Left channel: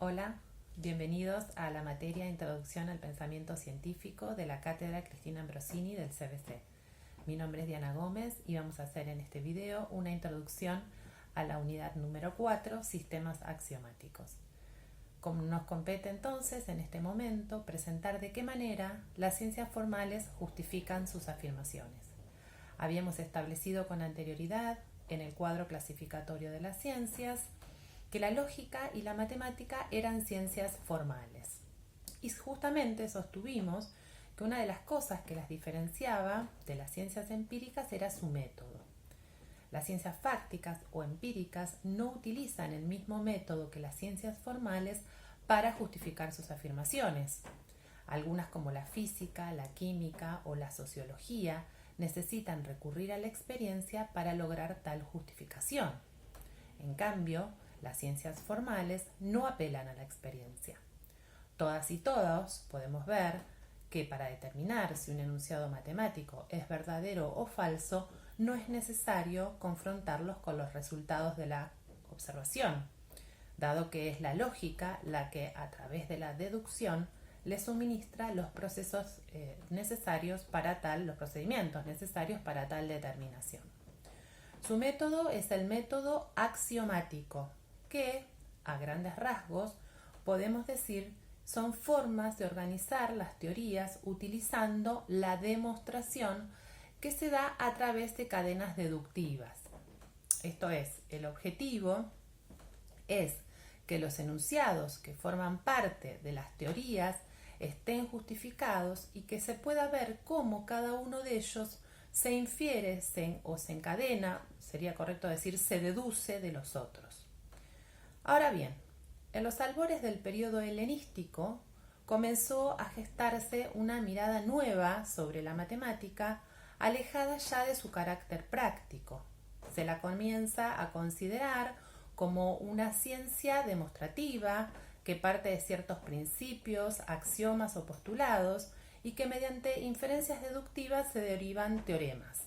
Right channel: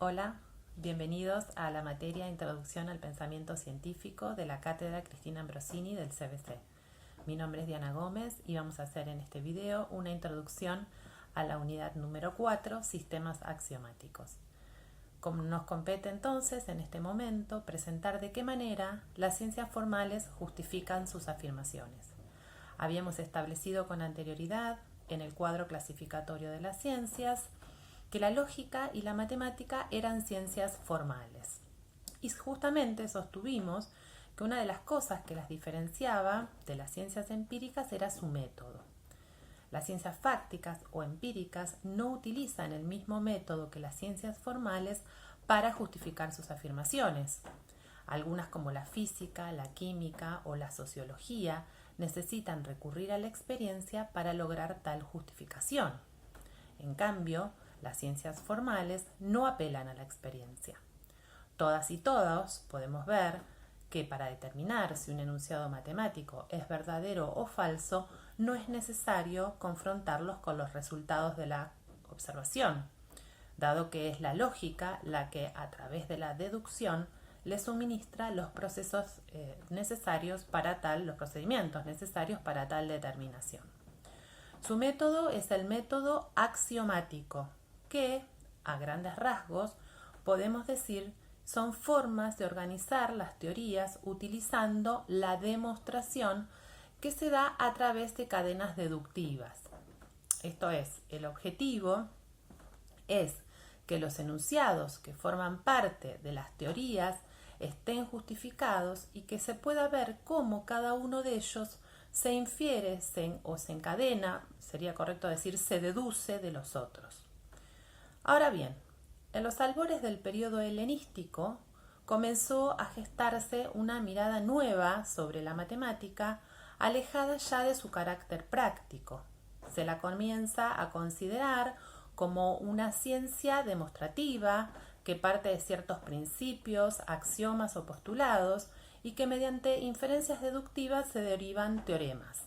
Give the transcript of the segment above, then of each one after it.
Hola, bienvenidos a la materia Introducción al Pensamiento Científico de la Cátedra Cristina Ambrosini del CBC. Mi nombre es Diana Gómez y vamos a hacer en este video una introducción a la unidad número 4, Sistemas Axiomáticos. Como nos compete entonces en este momento presentar de qué manera las ciencias formales justifican sus afirmaciones. Habíamos establecido con anterioridad en el cuadro clasificatorio de las ciencias que la lógica y la matemática eran ciencias formales. Y justamente sostuvimos que una de las cosas que las diferenciaba de las ciencias empíricas era su método. Las ciencias fácticas o empíricas no utilizan el mismo método que las ciencias formales para justificar sus afirmaciones. Algunas como la física, la química o la sociología necesitan recurrir a la experiencia para lograr tal justificación. En cambio, las ciencias formales no apelan a la experiencia. Todas y todos podemos ver que para determinar si un enunciado matemático es verdadero o falso, no es necesario confrontarlos con los resultados de la observación, dado que es la lógica la que, a través de la deducción, le suministra los procesos necesarios para tal, los procedimientos necesarios para tal determinación. Su método es el método axiomático, que, a grandes rasgos, podemos decir son formas de organizar las teorías utilizando la demostración que se da a través de cadenas deductivas. Esto es, el objetivo es que los enunciados que forman parte de las teorías estén justificados y que se pueda ver cómo cada uno de ellos se infiere o se encadena, sería correcto decir, se deduce de los otros. Ahora bien, en los albores del periodo helenístico comenzó a gestarse una mirada nueva sobre la matemática, alejada ya de su carácter práctico. Se la comienza a considerar como una ciencia demostrativa que parte de ciertos principios, axiomas o postulados y que mediante inferencias deductivas se derivan teoremas.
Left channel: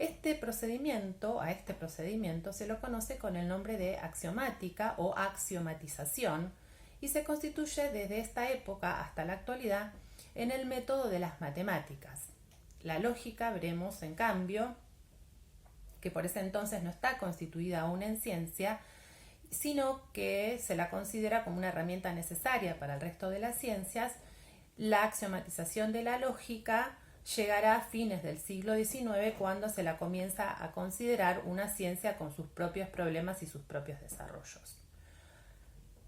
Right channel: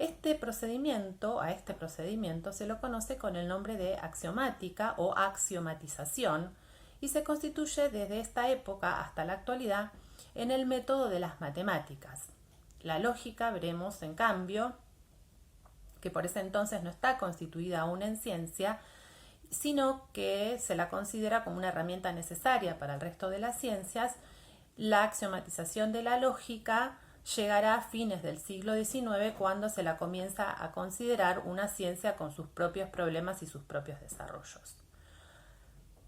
A este procedimiento se lo conoce con el nombre de axiomática o axiomatización y se constituye desde esta época hasta la actualidad en el método de las matemáticas. La lógica, veremos en cambio, que por ese entonces no está constituida aún en ciencia, sino que se la considera como una herramienta necesaria para el resto de las ciencias. La axiomatización de la lógica llegará a fines del siglo XIX cuando se la comienza a considerar una ciencia con sus propios problemas y sus propios desarrollos.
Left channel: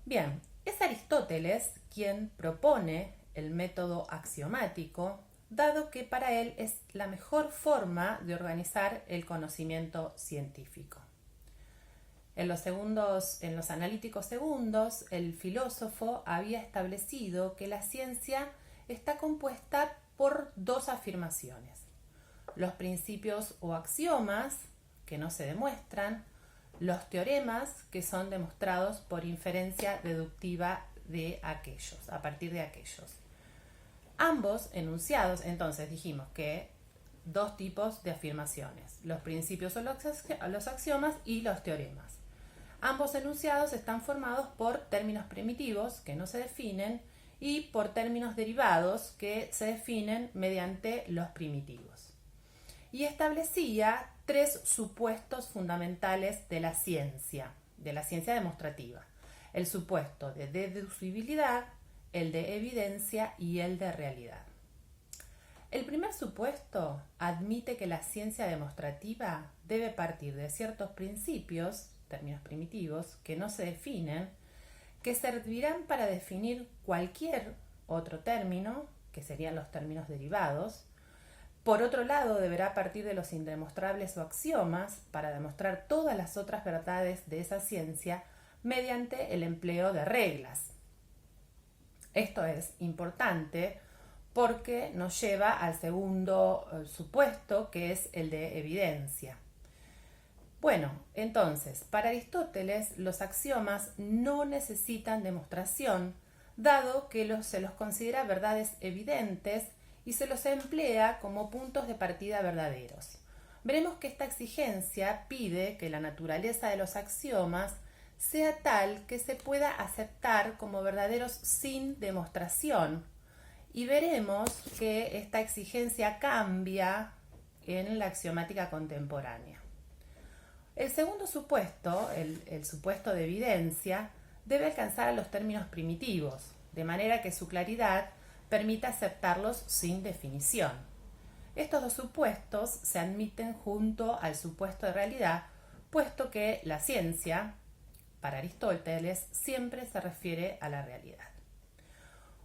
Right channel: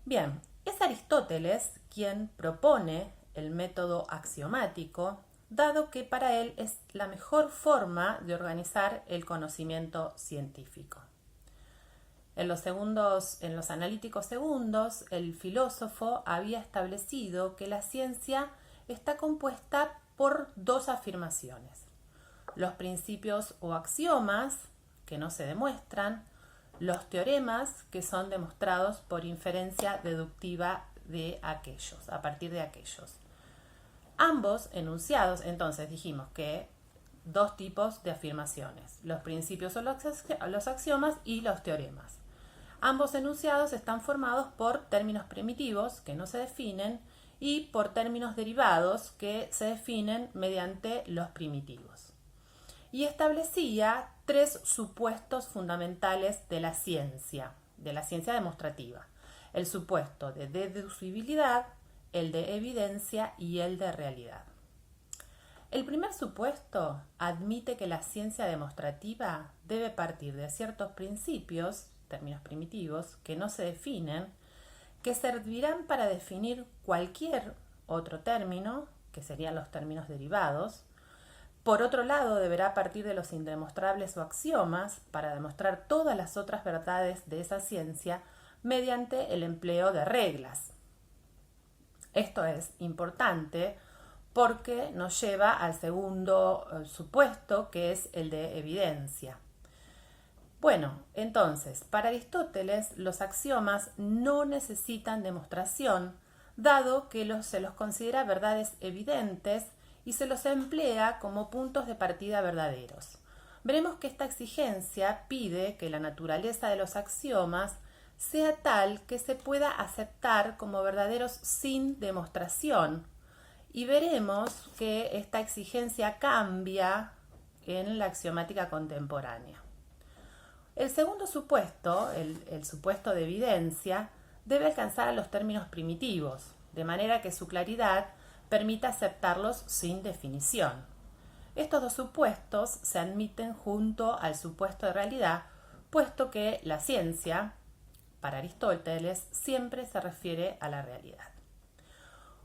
Bien, es Aristóteles quien propone el método axiomático, dado que para él es la mejor forma de organizar el conocimiento científico. En los analíticos segundos, el filósofo había establecido que la ciencia está compuesta por dos afirmaciones: los principios o axiomas, que no se demuestran, los teoremas, que son demostrados por inferencia deductiva a partir de aquellos. Ambos enunciados, entonces dijimos que dos tipos de afirmaciones: los principios o los axiomas y los teoremas. Ambos enunciados están formados por términos primitivos que no se definen y por términos derivados que se definen mediante los primitivos. Y establecía tres supuestos fundamentales de la ciencia demostrativa: el supuesto de deducibilidad, el de evidencia y el de realidad. El primer supuesto admite que la ciencia demostrativa debe partir de ciertos principios, términos primitivos, que no se definen, que servirán para definir cualquier otro término, que serían los términos derivados. Por otro lado, deberá partir de los indemostrables o axiomas para demostrar todas las otras verdades de esa ciencia mediante el empleo de reglas. Esto es importante porque nos lleva al segundo supuesto, que es el de evidencia. Bueno, entonces, para Aristóteles los axiomas no necesitan demostración, dado que se los considera verdades evidentes y se los emplea como puntos de partida verdaderos. Veremos que esta exigencia pide que la naturaleza de los axiomas sea tal que se pueda aceptar como verdaderos sin demostración. Y veremos que esta exigencia cambia en la axiomática contemporánea. El segundo supuesto, el supuesto de evidencia, debe alcanzar a los términos primitivos, de manera que su claridad permita aceptarlos sin definición. Estos dos supuestos se admiten junto al supuesto de realidad, puesto que la ciencia, para Aristóteles, siempre se refiere a la realidad.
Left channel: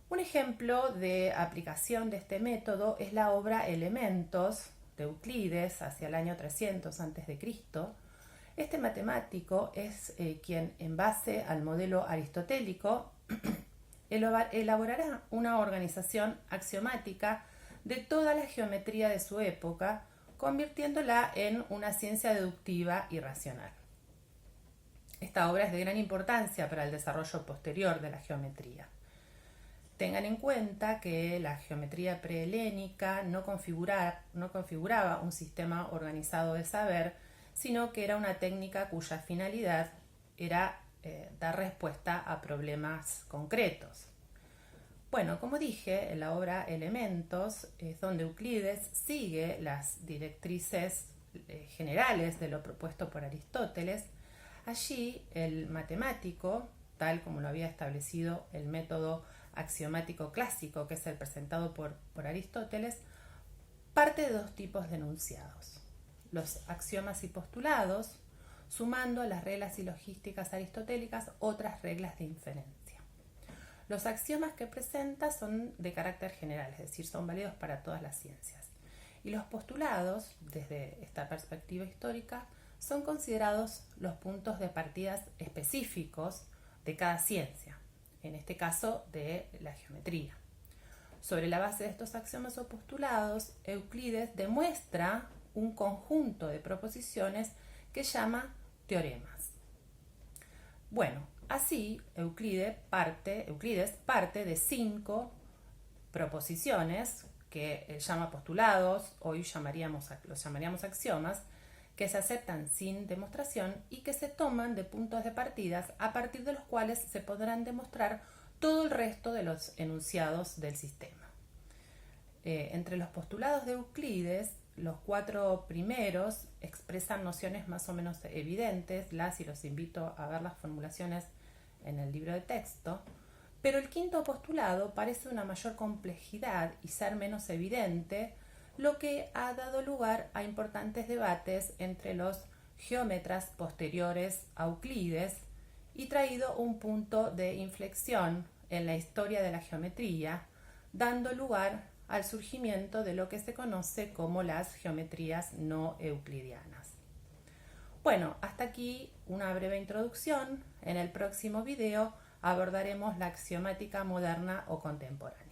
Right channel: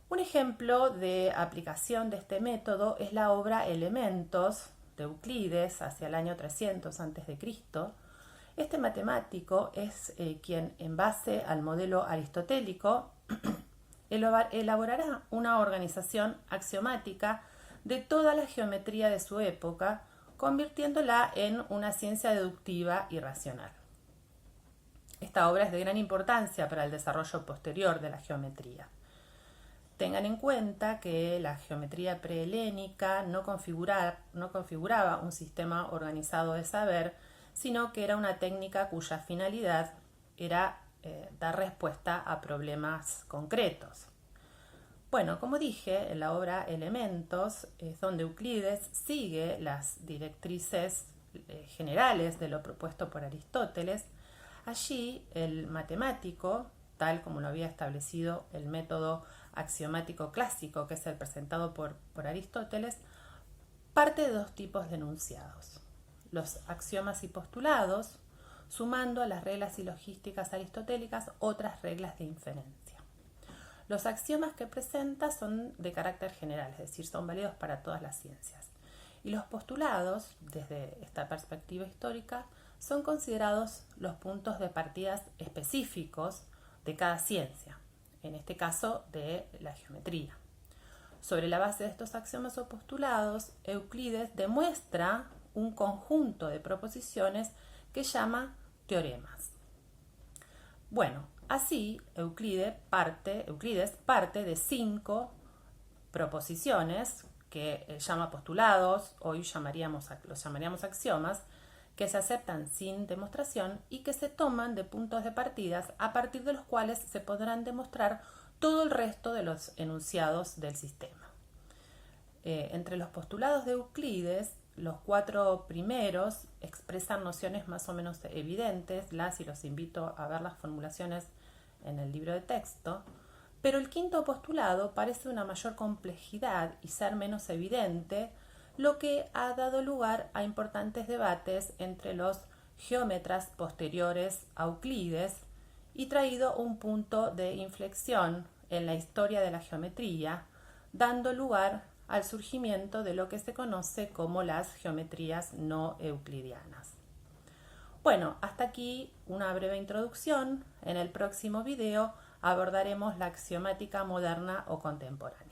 Un ejemplo de aplicación de este método es la obra Elementos de Euclides hacia el año 300 a.C. Este matemático es quien, en base al modelo aristotélico, elaborará una organización axiomática de toda la geometría de su época, convirtiéndola en una ciencia deductiva y racional. Esta obra es de gran importancia para el desarrollo posterior de la geometría. Tengan en cuenta que la geometría prehelénica no configuraba un sistema organizado de saber, sino que era una técnica cuya finalidad era dar respuesta a problemas concretos. Bueno, como dije, en la obra Elementos es donde Euclides sigue las directrices generales de lo propuesto por Aristóteles. Allí el matemático, tal como lo había establecido el método axiomático clásico, que es el presentado por Aristóteles, parte de dos tipos de enunciados: los axiomas y postulados, sumando a las reglas silogísticas aristotélicas otras reglas de inferencia. Los axiomas que presenta son de carácter general, es decir, son válidos para todas las ciencias. Y los postulados, desde esta perspectiva histórica, son considerados los puntos de partida específicos de cada ciencia, en este caso de la geometría. Sobre la base de estos axiomas o postulados, Euclides demuestra un conjunto de proposiciones que llama teoremas. Bueno, así Euclides parte de 5 proposiciones que llama postulados, hoy los llamaríamos axiomas, que se aceptan sin demostración y que se toman de puntos de partida a partir de los cuales se podrán demostrar todo el resto de los enunciados del sistema. Entre los postulados de Euclides, los 4 primeros expresan nociones más o menos evidentes, y los invito a ver las formulaciones en el libro de texto, pero el 5.º postulado parece una mayor complejidad y ser menos evidente, lo que ha dado lugar a importantes debates entre los geómetras posteriores a Euclides y traído un punto de inflexión en la historia de la geometría, dando lugar al surgimiento de lo que se conoce como las geometrías no euclidianas. Bueno, hasta aquí una breve introducción. En el próximo video abordaremos la axiomática moderna o contemporánea.